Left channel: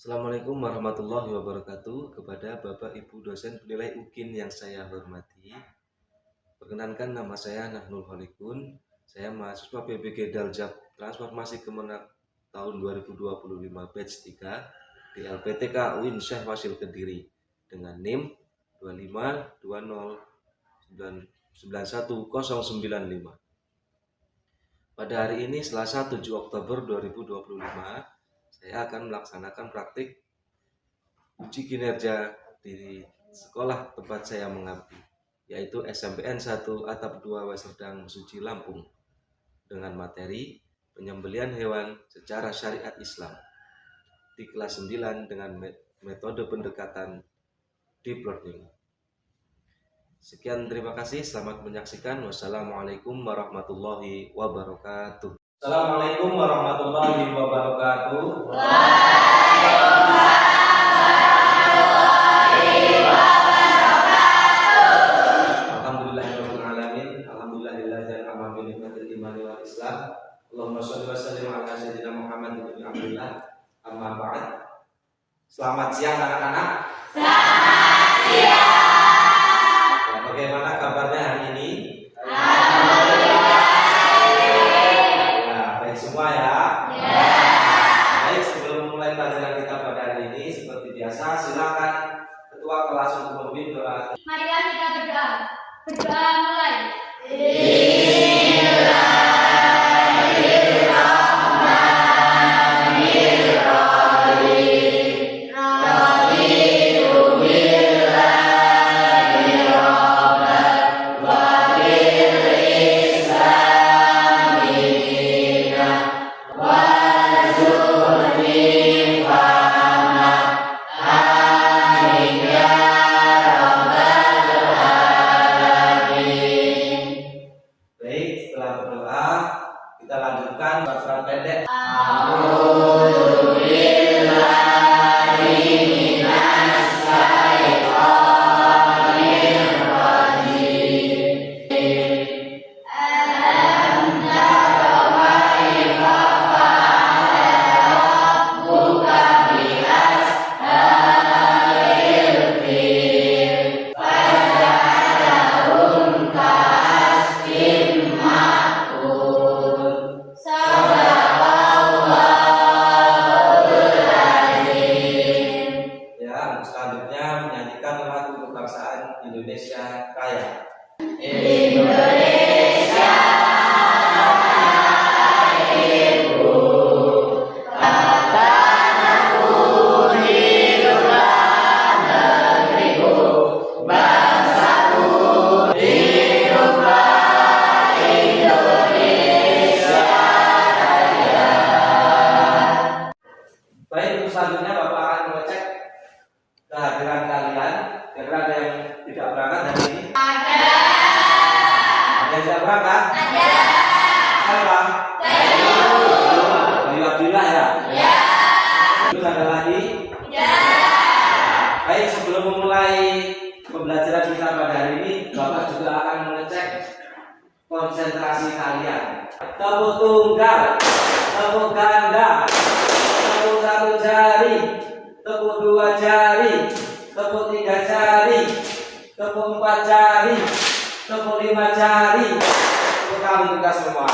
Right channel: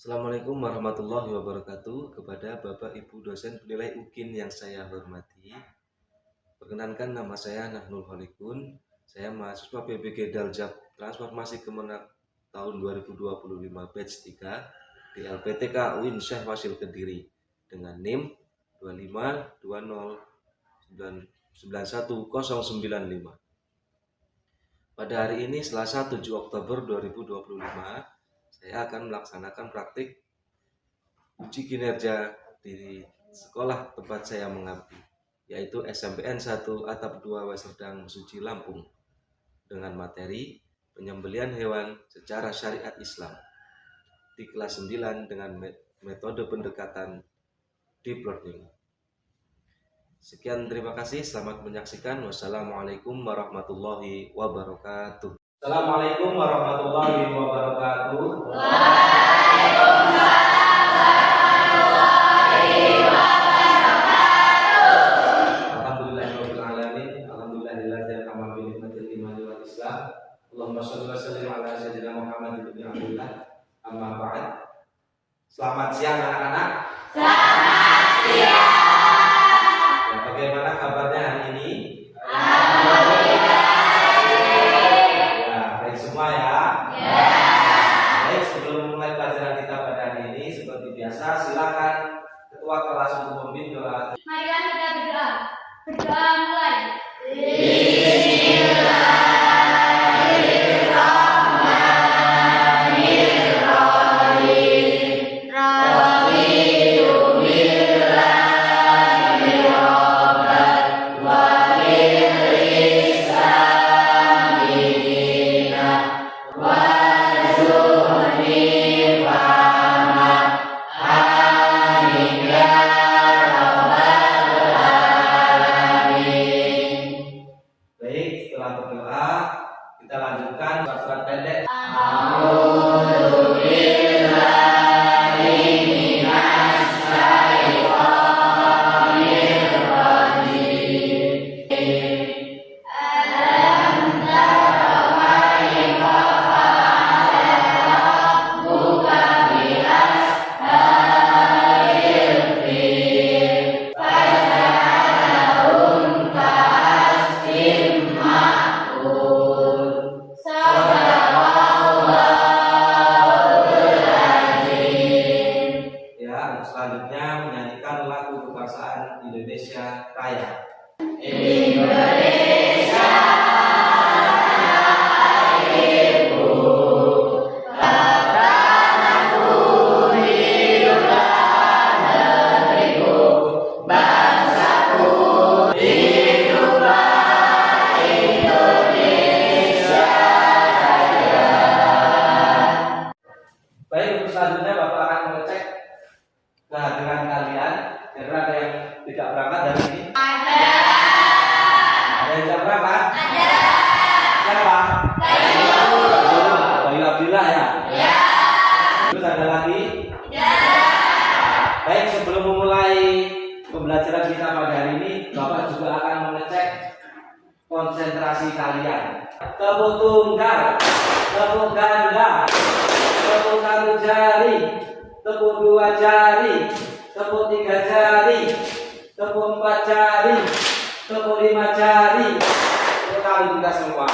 Assalamualaikum warahmatullahi wabarakatuh. Kepada Bapak Ibu dosen penilai UKIN yang saya hormati, perkenankan nama saya Nahnul Holikun. Saya mahasiswa PBG Daljab Transformasi Kemenak tahun 2025 batch 3 di LPTK UIN Syekh Wasil Kediri dengan NIM 25209919095. Pada hari ini Selasa 7 Oktober 2025, saya akan melaksanakan praktik uji kinerja di sekolah tempat saya mengabdi, yaitu SMPN 1 Atap 2 Weserdang Mesuji Lampung, dengan materi penyembelihan hewan secara syariat Islam di kelas 9 dengan metode pendekatan deep learning. Sekian, terima kasih, selamat menyaksikan. Wassalamualaikum warahmatullahi wabarakatuh. Assalamualaikum warahmatullahi wabarakatuh. Alhamdulillahirabbil alamin. Alhamdulillahilladzi an'ama bi ni'matil imani wal islam. Allahumma shalli wa sallim ala sayyidina Muhammad ibn Abdullah. Amma ba'd. Selamat siang anak-anak. Selamat siang. Bagaimana kabarnya hari ini? Baik semua ya. Baik, sebelum mulai pelajaran kita pada hari ini, seperti biasa, silakan ketua kelas untuk memimpin doa. Marilah kita berdoa. Berdoa mulai. Kita lanjutkan surat pendek. Selanjutnya menyanyikan lagu kebangsaan Indonesia Raya. Indonesia Ibu, bangsaku hiduplah negeriku, bangsaku hiduplah Indonesia Raya. Baik, untuk selanjutnya Bapak akan mengecek kehadiran kalian. Kira-kira ada yang tidak berangkat hari ini? Ada yang tidak berangkat? Ada. Siapa? Bayu Abdillah ya? Ya. Terus ada lagi? Ya. Baik, sebelum memulai pembelajaran kita pada hari ini, Bapak juga akan mengecek konsentrasi kalian. Tepuk tunggal, tepuk ganda, tepuk satu jari, tepuk dua jari, tepuk tiga jari, tepuk empat jari, tepuk lima jari. Tepuk tangan kita semua.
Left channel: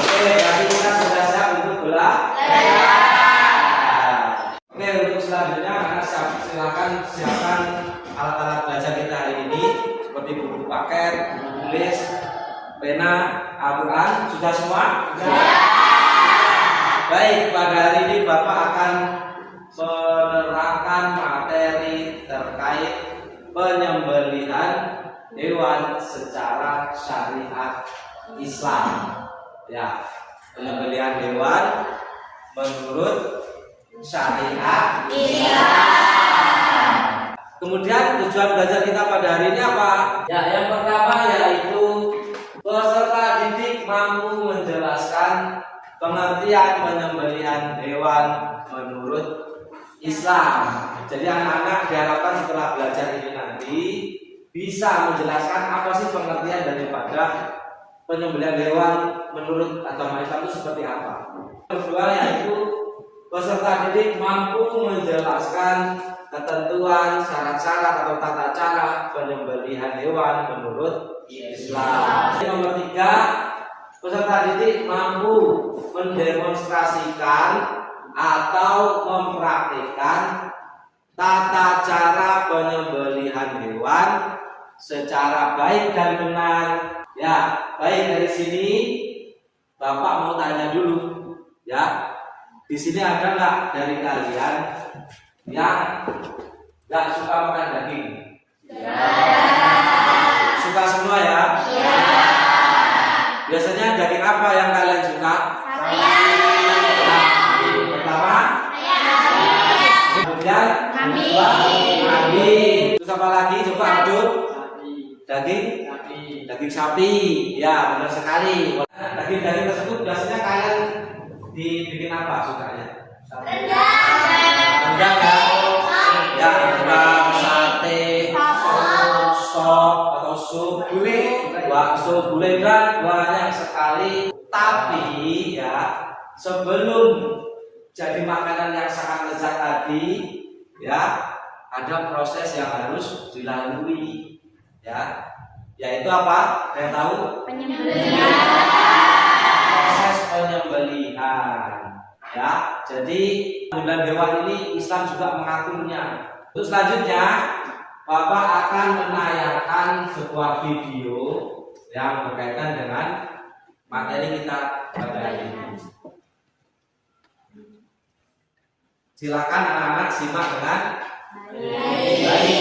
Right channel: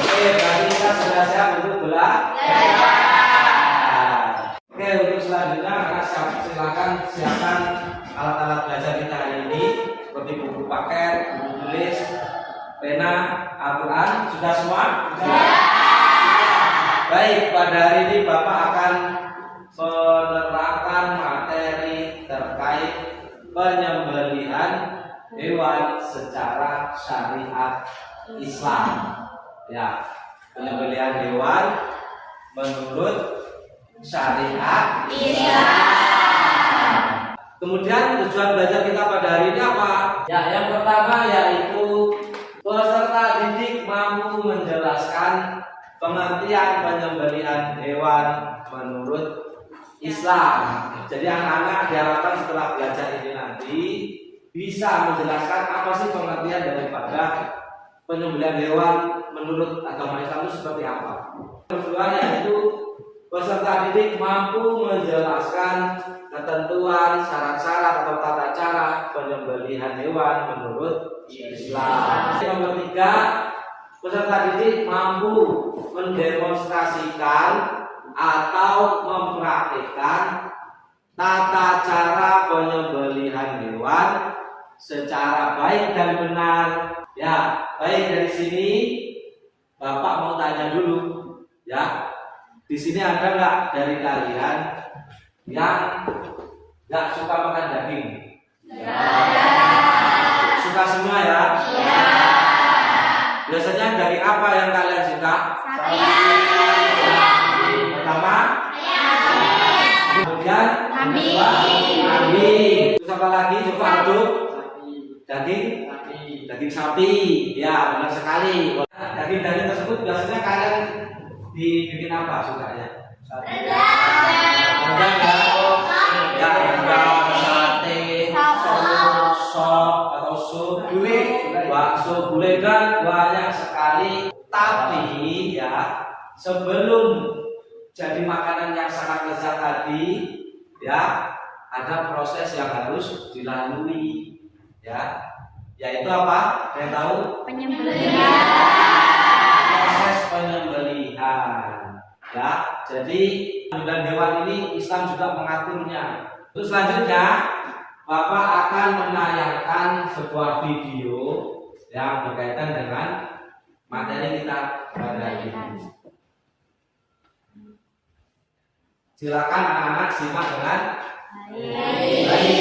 Oke, berarti kita sudah siap untuk belajar. Oke, untuk selanjutnya anak silakan siapkan alat-alat belajar kita hari ini, seperti buku paket, buku tulis, pena, Al-Quran. Sudah semua? Sudah. Baik, pada hari ini Bapak akan menerangkan materi terkait penyembelihan hewan secara syariat Islam. Ya, penyembelihan hewan menurut syariat Islam. Kemudian tujuan belajar kita pada hari ini apa? Ya, yang pertama yaitu peserta didik mampu menjelaskan pengertian penyembelihan hewan menurut Islam. Jadi anak-anak diharapkan setelah belajar ini nanti bisa menjelaskan apa sih pengertian daripada penyembelihan hewan menurut agama Islam itu seperti apa. Kedua yaitu peserta didik mampu menjelaskan ketentuan, syarat-syarat atau tata cara penyembelihan hewan menurut Islam. Nomor 3, peserta didik mampu mendemonstrasikan atau mempraktikkan tata cara penyembelihan hewan secara baik dan benar. Ya, baik, dari sini Bapak mau tanya dulu, ya. Di sini ada nggak dari kalian yang nggak suka makan daging? Suka semua ya? Biasanya daging apa yang kalian suka? Pertama? Kemudian? Kambing. Terus apa lagi? Suka aduk? Daging? Daging sapi. Ya, benar sekali. Daging-daging tersebut biasanya kalian dibikin apa sukanya? Rendang ya? Ya, rendang, sate, sop atau sup, bakso, gulai, dan banyak sekali. Tapi ya, sebelum jadi makanan yang sangat lezat tadi, ya, ada proses yang harus dilalui, ya, yaitu apa? Kalian tahu? Proses penyembelihan, ya. Jadi penyembelihan hewan ini Islam juga mengaturnya. Terus selanjutnya Bapak akan menayangkan sebuah video yang berkaitan dengan materi kita pada hari ini. Silakan anak-anak simak dengan baik.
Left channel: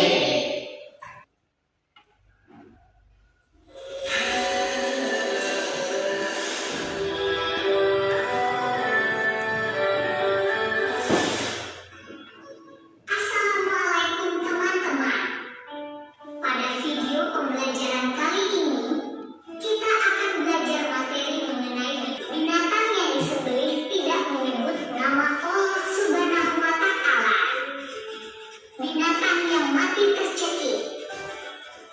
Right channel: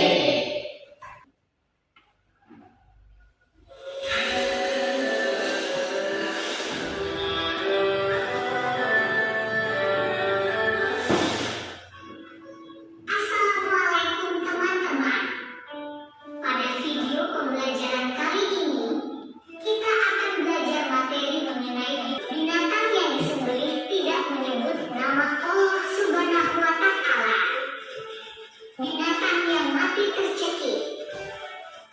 Assalamualaikum teman-teman. Pada video pembelajaran kali ini, kita akan belajar materi mengenai binatang yang disembelih tidak menyebut nama Allah Subhanahu wa Ta'ala. Binatang yang mati tercekik,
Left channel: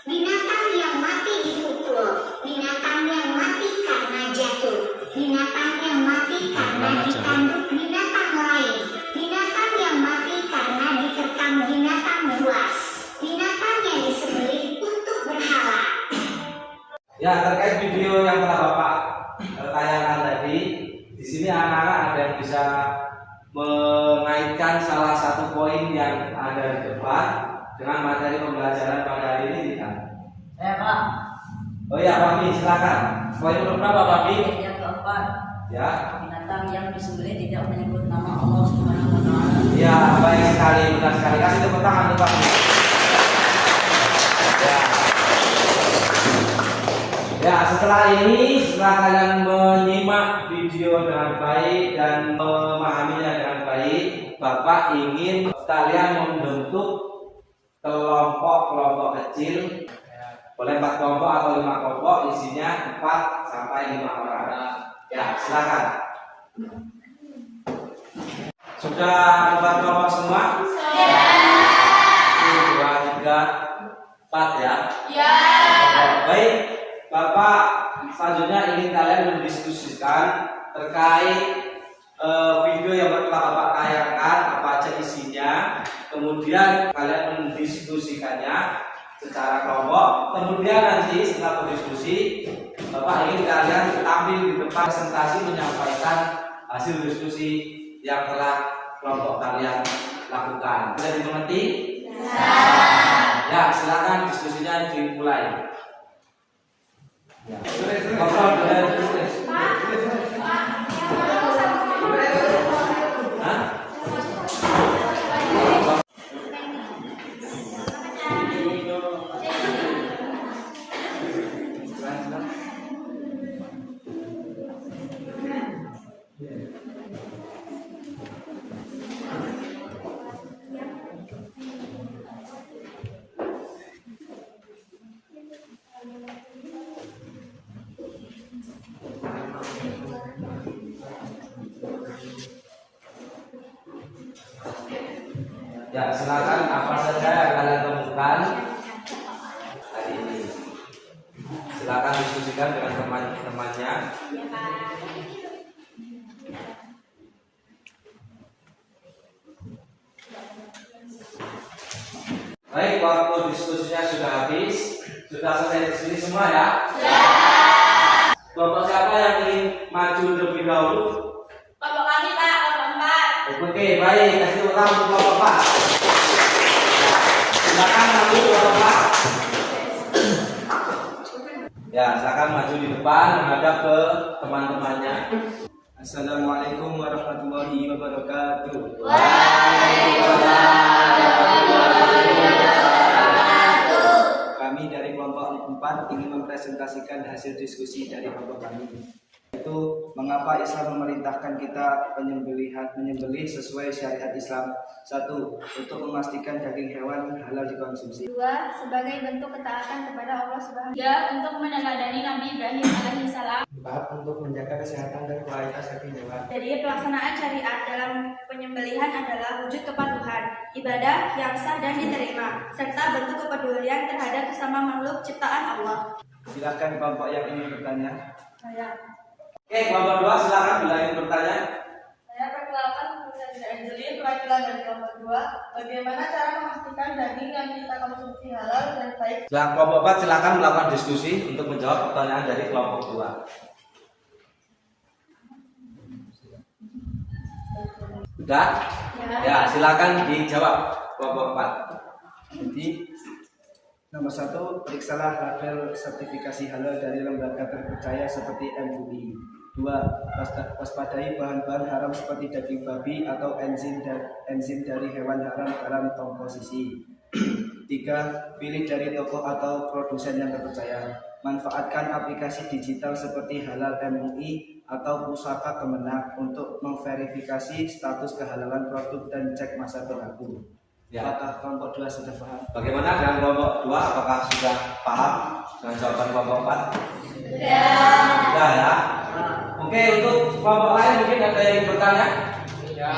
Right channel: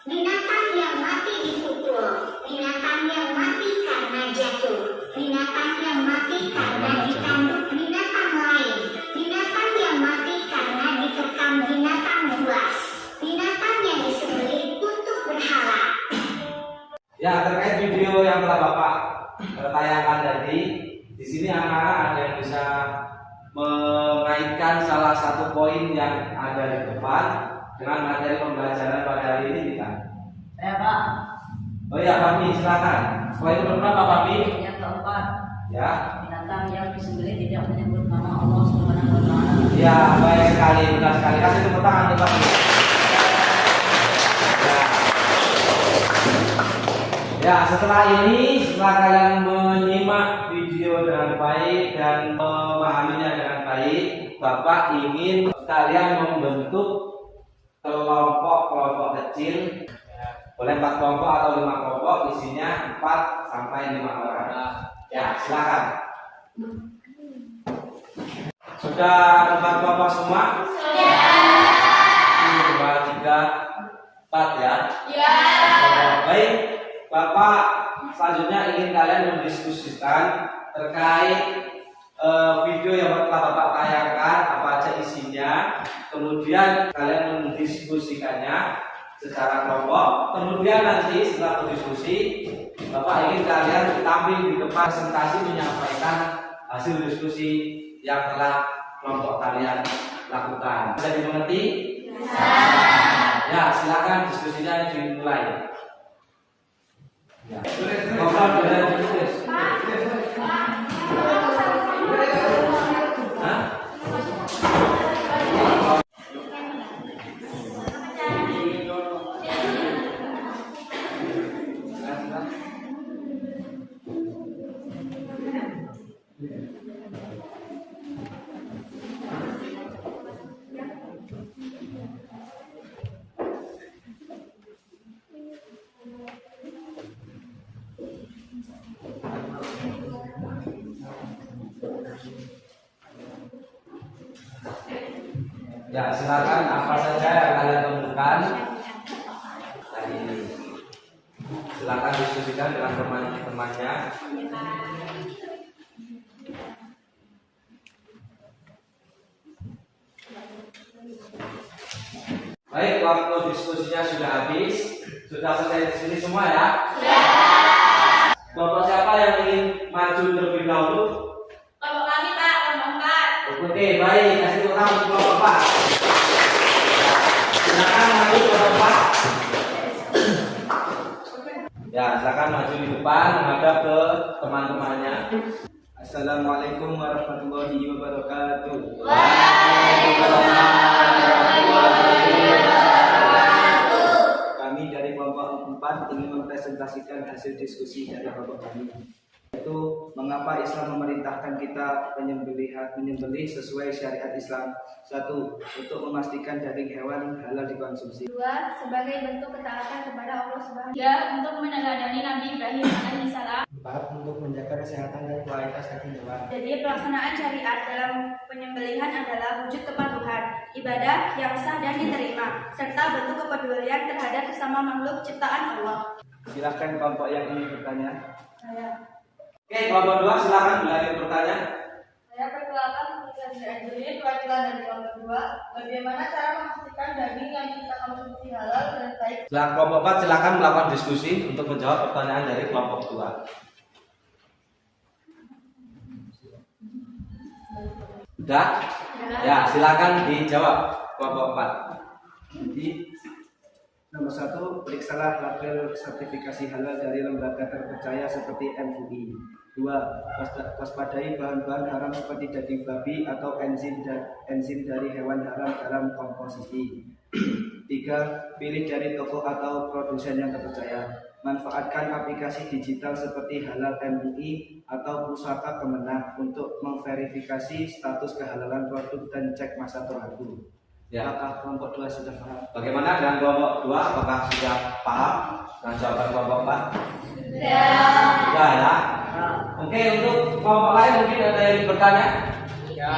binatang yang mati dipukul, binatang yang mati karena jatuh, binatang yang mati karena ditanduk binatang lain, binatang yang mati karena diterkam binatang buas, binatang yang disembelih untuk berhala. Ya, terkait video yang telah Bapak tayangkan tadi, di sini anak-anak ada yang bisa mengaitkan salah satu poin yang ada di depan dengan materi pembelajaran pada hari ini, tidak? Saya Pak, Oh ya, Papi, silakan. Poin berapa, Papi? yang keempat, Ya, binatang yang disembelih tidak menyebut nama Allah Subhanahu wa Ta'ala. ya, baik sekali, benar sekali. Kasih tepuk tangan untuk Papi. Ya, setelah kalian menyimak video dengan baik dan memahaminya dengan baik, Bapak ingin kalian membentuk kelompok-kelompok kecil, boleh 4 kelompok atau 5 kelompok, isinya 4 sampai 5 orang. Ya, silakan. Sudah membuat kelompok semua? Sudah. 1, 2, 3, 4 ya? Ya. Baik, Bapak selanjutnya ingin kalian mendiskusikan terkait video yang telah Bapak tayangkan, apa aja isinya. Kemudian kalian mendiskusikannya secara kelompok. Kemudian nanti setelah berdiskusi, Bapak ingin kalian tampil di depan presentasi menyampaikan hasil diskusi yang telah kelompok kalian lakukan. Bisa dimengerti? Ya, silakan diskusinya dimulai. Ya. Bapak boleh tulis. Hah? Ya, silakan apa saja yang kalian temukan hari ini. Silakan diskusikan dengan teman-temannya. Baik, waktu diskusinya sudah habis. Sudah selesai diskusi semua ya? Kelompok siapa yang ingin maju terlebih dahulu? Kelompok kami Pak, kelompok 4. Oke, baik. Kasih tepuk tangan untuk kelompok 4. Silakan maju ke kelompok 4. Ya, silakan maju di depan menghadap ke teman-temannya. Assalamualaikum warahmatullahi wabarakatuh. Kami dari kelompok 4 ingin mempresentasikan hasil diskusi dari kelompok kami, yaitu mengapa Islam memerintahkan kita menyembelih sesuai syariat Islam. 1. Untuk memastikan daging hewan halal dikonsumsi. 2. Sebagai bentuk ketaatan kepada Allah Subhanahu. 3. Untuk meneladani Nabi Ibrahim alaihissalam. 4. Untuk menjaga kesehatan dan kualitas daging hewan. Jadi pelaksanaan syariat dalam penyembelihan adalah wujud kepatuhan, ibadah yang sah dan diterima, serta bentuk kepedulian terhadap sesama makhluk ciptaan Allah. Silakan kelompok yang ingin bertanya. Oke, kelompok 2 silakan bila ingin bertanya. Saya perkenalkan Ustaz Anjeli, perwakilan dari kelompok 2. Bagaimana cara memastikan daging yang kita konsumsi halal dan baik? Silakan kelompok 4 silakan melakukan diskusi untuk menjawab pertanyaan dari kelompok 2. Sudah? Ya, silakan dijawab kelompok 4. Jadi, nomor 1, periksalah label sertifikasi halal dari lembaga terpercaya seperti MUI. 2. Waspadai bahan-bahan haram seperti daging babi atau enzim dari hewan haram dalam komposisi. 3. Pilih dari toko atau produsen yang terpercaya. Manfaatkan aplikasi digital seperti Halal MUI atau Pusaka Kemenang untuk memverifikasi status kehalalan produk dan cek masa berlaku. Ya. Apakah kelompok 2 sudah paham? Bagaimana dengan kelompok 2? Apakah sudah paham dengan jawaban kelompok 4? Sudah ya. Oke, untuk kelompok lain mungkin ada yang bertanya? Cukup ya.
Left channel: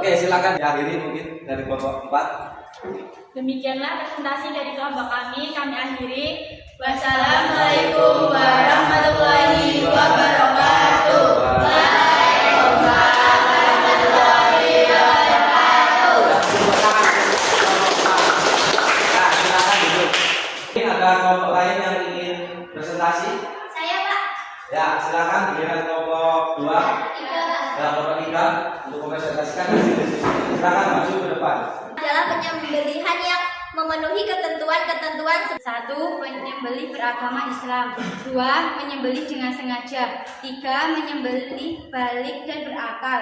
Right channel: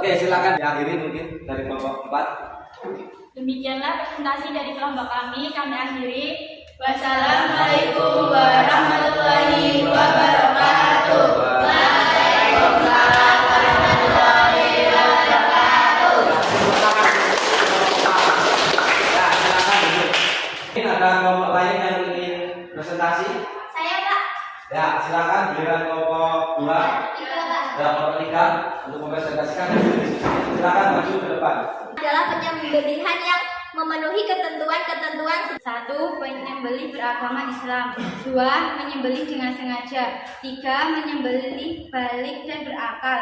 Oke, silakan diakhiri mungkin dari kelompok 4. Demikianlah presentasi dari kelompok kami akhiri. Wassalamualaikum warahmatullahi wabarakatuh. Waalaikumsalam warahmatullahi wabarakatuh. Ya, silakan duduk. Mungkin ada kelompok lain yang ingin presentasi? Saya Pak. Ya, silakan giliran kelompok 2. Ya, kelompok 3 untuk mempresentasikan. Silakan maju ke depan. Adalah penyembelihan yang memenuhi ketentuan-ketentuan. 1. Penyembelih beragama Islam. 2. Menyembelih dengan sengaja. 3. Menyembelih balik dan berakal.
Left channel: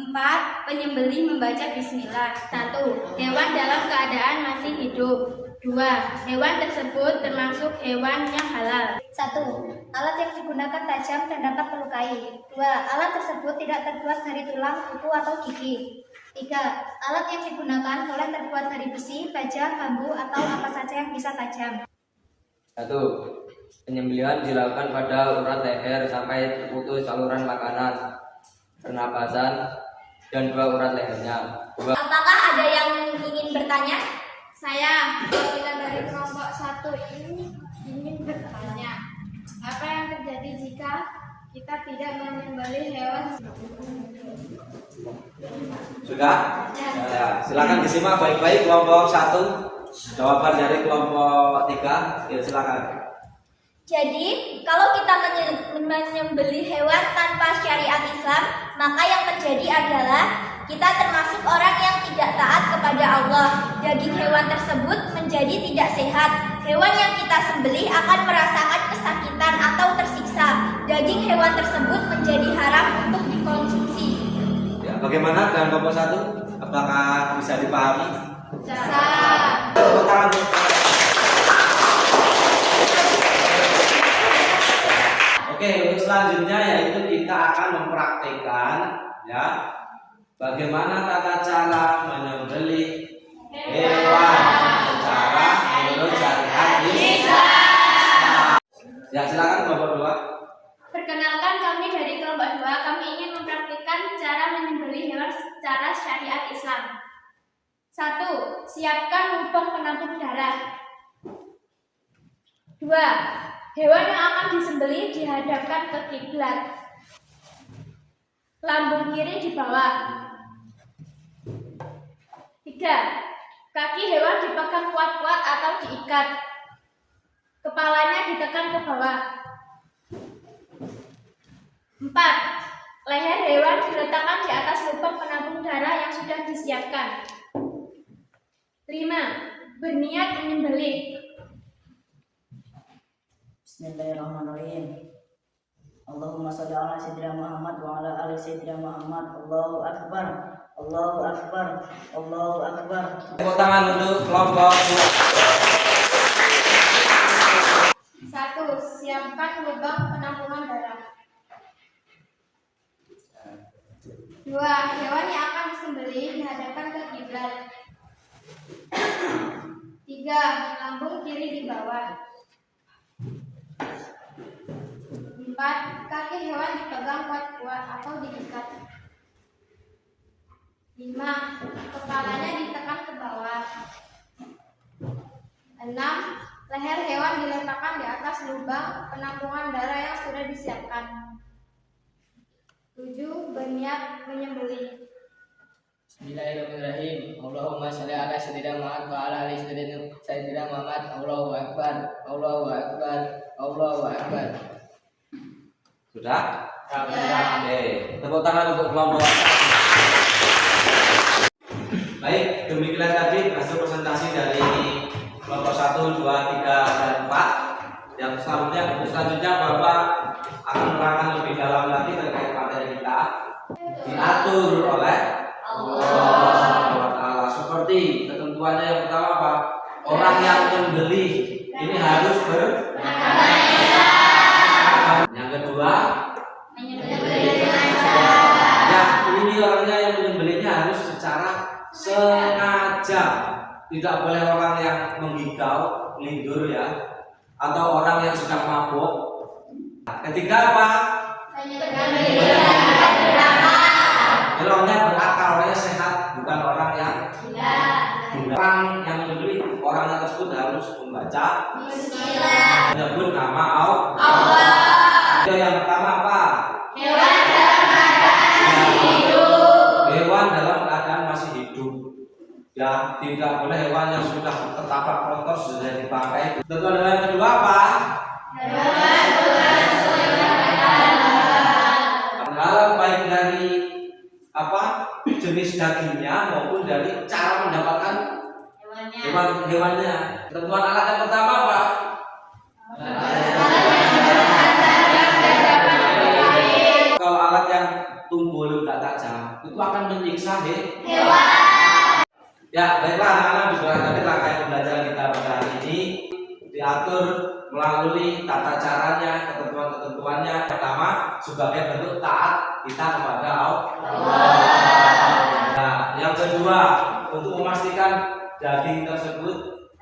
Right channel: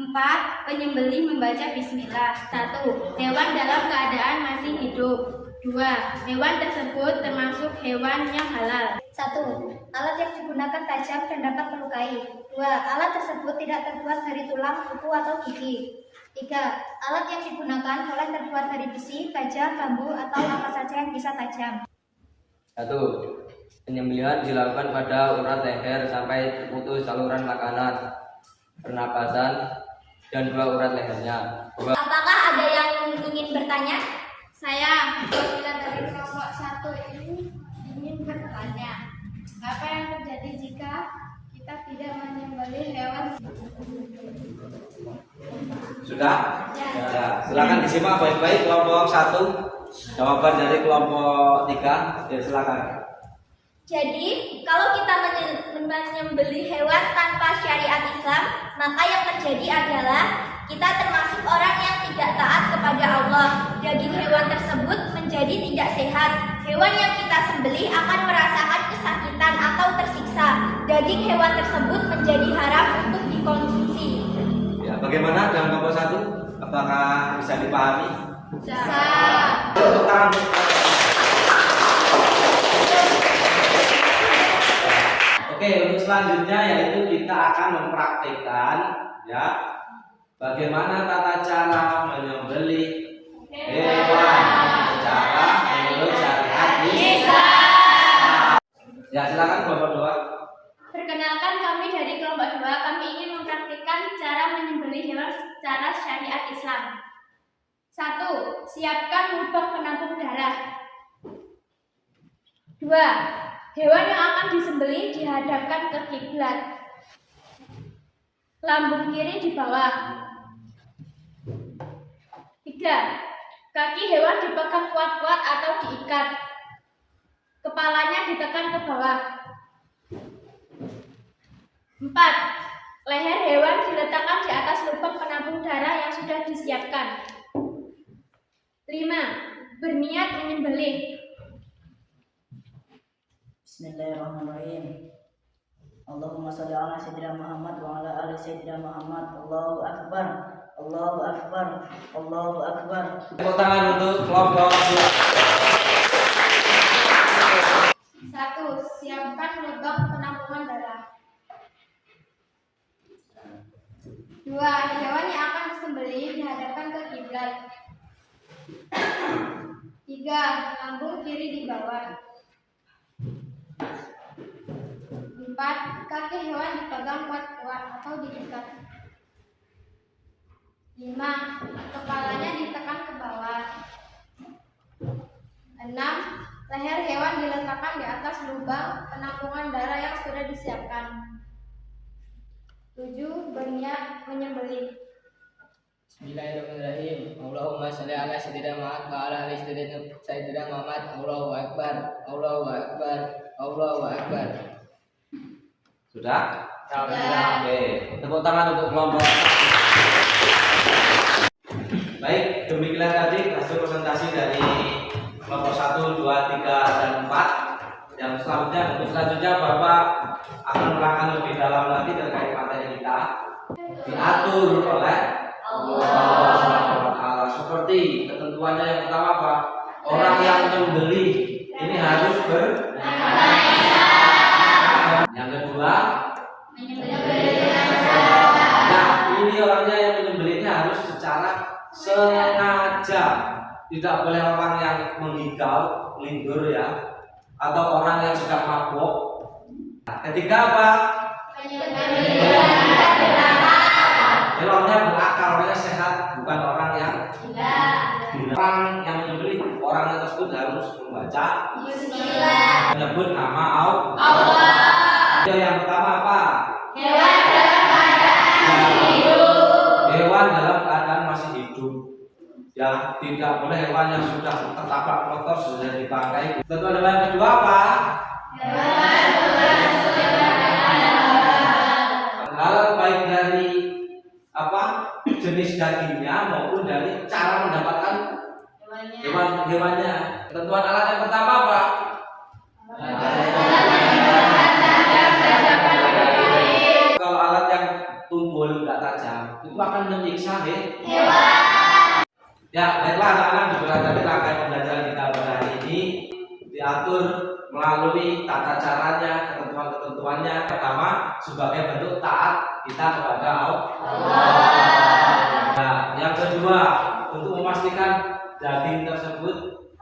4. Penyembelih membaca bismillah. 1. Hewan dalam keadaan masih hidup. 2. Hewan tersebut termasuk hewan yang halal. 1. Alat yang digunakan tajam dan dapat melukai. 2. Alat tersebut tidak terbuat dari tulang, kuku, atau gigi. 3. Alat yang digunakan boleh terbuat dari besi, baja, bambu, atau apa saja yang bisa tajam. 1. Penyembelihan dilakukan pada urat leher sampai terputus saluran makanan, pernapasan, dan 2 urat lehernya. 2. Apakah ada yang ingin bertanya? Saya, perwakilan dari kelompok 1 ini ingin bertanya, apa yang terjadi jika kita tidak menyembelih hewan? Sudah? Ya, silakan disimak baik-baik kelompok 1. Jawaban dari kelompok 3. Ya, silakan. Jadi, kalau kita menyembelih hewan tanpa syariat Islam, maka yang terjadi adalah kita termasuk orang yang tidak taat kepada Allah. Daging hewan tersebut menjadi tidak sehat. Hewan yang kita sembelih akan merasakan kesakitan atau tersiksa. Daging hewan tersebut menjadi haram untuk dikonsumsi. Ya, bagaimana dengan kelompok 1? Apakah bisa dipahami? Bisa. Tepuk tangan. Oke, untuk selanjutnya yaitu kita akan mempraktikkan ya bagaimana tata cara menyembelih hewan secara menurut syariat Islam. Ya, silakan kelompok 2. Perkenalkan, kami dari kelompok 2, kami ingin mempraktikkan cara menyembelih hewan secara syariat Islam. 1. Siapkan lubang penampung darah. 2. Hewan yang akan disembelih dihadapkan ke kiblat. Lambung kiri di bawah. 3. 3. Kaki hewan dipegang kuat-kuat atau diikat. Kepalanya ditekan ke bawah. 4. Leher hewan diletakkan di atas lubang penampung darah yang sudah disiapkan. 5. Berniat menyembelih. Bismillahirrahmanirrahim. Allahumma sholli ala sayyidina Muhammad wa ala ali sayyidina Muhammad. Allahu akbar. Allahu akbar. Allahu akbar. Tepuk tangan untuk kelompok 1. Siapkan lubang penampungan darah. 2. Hewan yang akan disembelih dihadapkan ke kiblat. 3. Lambung kiri di bawah. 4. Kaki hewan dipegang kuat-kuat atau diikat. 5. Kepalanya ditekan ke bawah. 6. Leher hewan diletakkan di atas lubang penampungan darah yang sudah disiapkan. 7. Berniat menyembelih. Bismillahirrahmanirrahim. Allahumma sholli ala sayyidina Muhammad wa ala ali sayyidina Muhammad. Allahu akbar. Allahu akbar. Allahu akbar. Sudah? Ya. Oke, tepuk tangan untuk kelompok. Baik, demikian tadi hasil presentasi dari kelompok 1, 2, 3, dan 4. Yang selanjutnya Bapak akan menerangkan lebih dalam lagi terkait materi kita. Diatur oleh Allah Subhanahu wa Ta'ala. Seperti ketentuannya yang pertama apa? Orang yang menyembelih ini harus Yang kedua, ya ini orangnya yang menyembelihnya harus secara sengaja. Tidak boleh orang yang menggigau, lindur ya, atau orang yang sedang mabuk. Ketiga apa? Jadi orangnya berakal, orangnya sehat, bukan orang yang gila. Orang yang menyembelih orang tersebut harus membaca menyebut nama Allah. Yang pertama apa? Hewan dalam keadaan masih hidup. Ya, tidak boleh hewan yang sudah tertabrak motor sudah dipakai. Tentu ada yang kedua apa? Halal baik dari jenis dagingnya maupun dari cara mendapatkan hewannya. Ketentuan alat yang pertama apa? Kalau alat yang tumpul nggak tajam itu akan menyiksa hewan. Ya, baiklah anak-anak, diberikan tadi rangkaian pembelajaran kita pada hari ini diatur melalui tata caranya, ketentuan-ketentuannya. Pertama, sebagai bentuk taat kita kepada Allah. Nah, yang kedua, untuk memastikan daging tersebut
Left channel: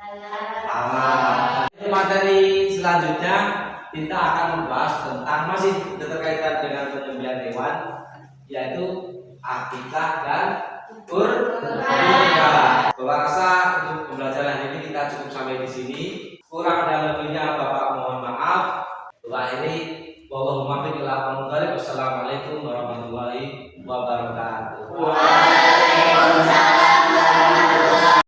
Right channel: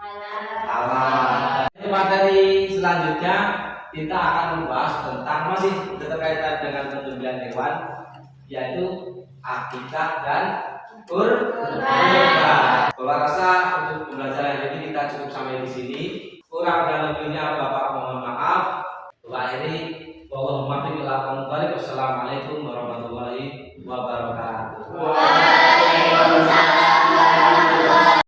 halal. Materi selanjutnya kita akan membahas tentang masih berkaitan dengan penyembelihan hewan, yaitu akikah dan kurban. Bapak rasa untuk pembelajaran ini kita cukup sampai di sini. Kurang dan lebihnya Bapak mohon maaf. Akhiri wallahumma fiqil aqamudhari. Wassalamualaikum warahmatullahi wabarakatuh. Waalaikumsalam.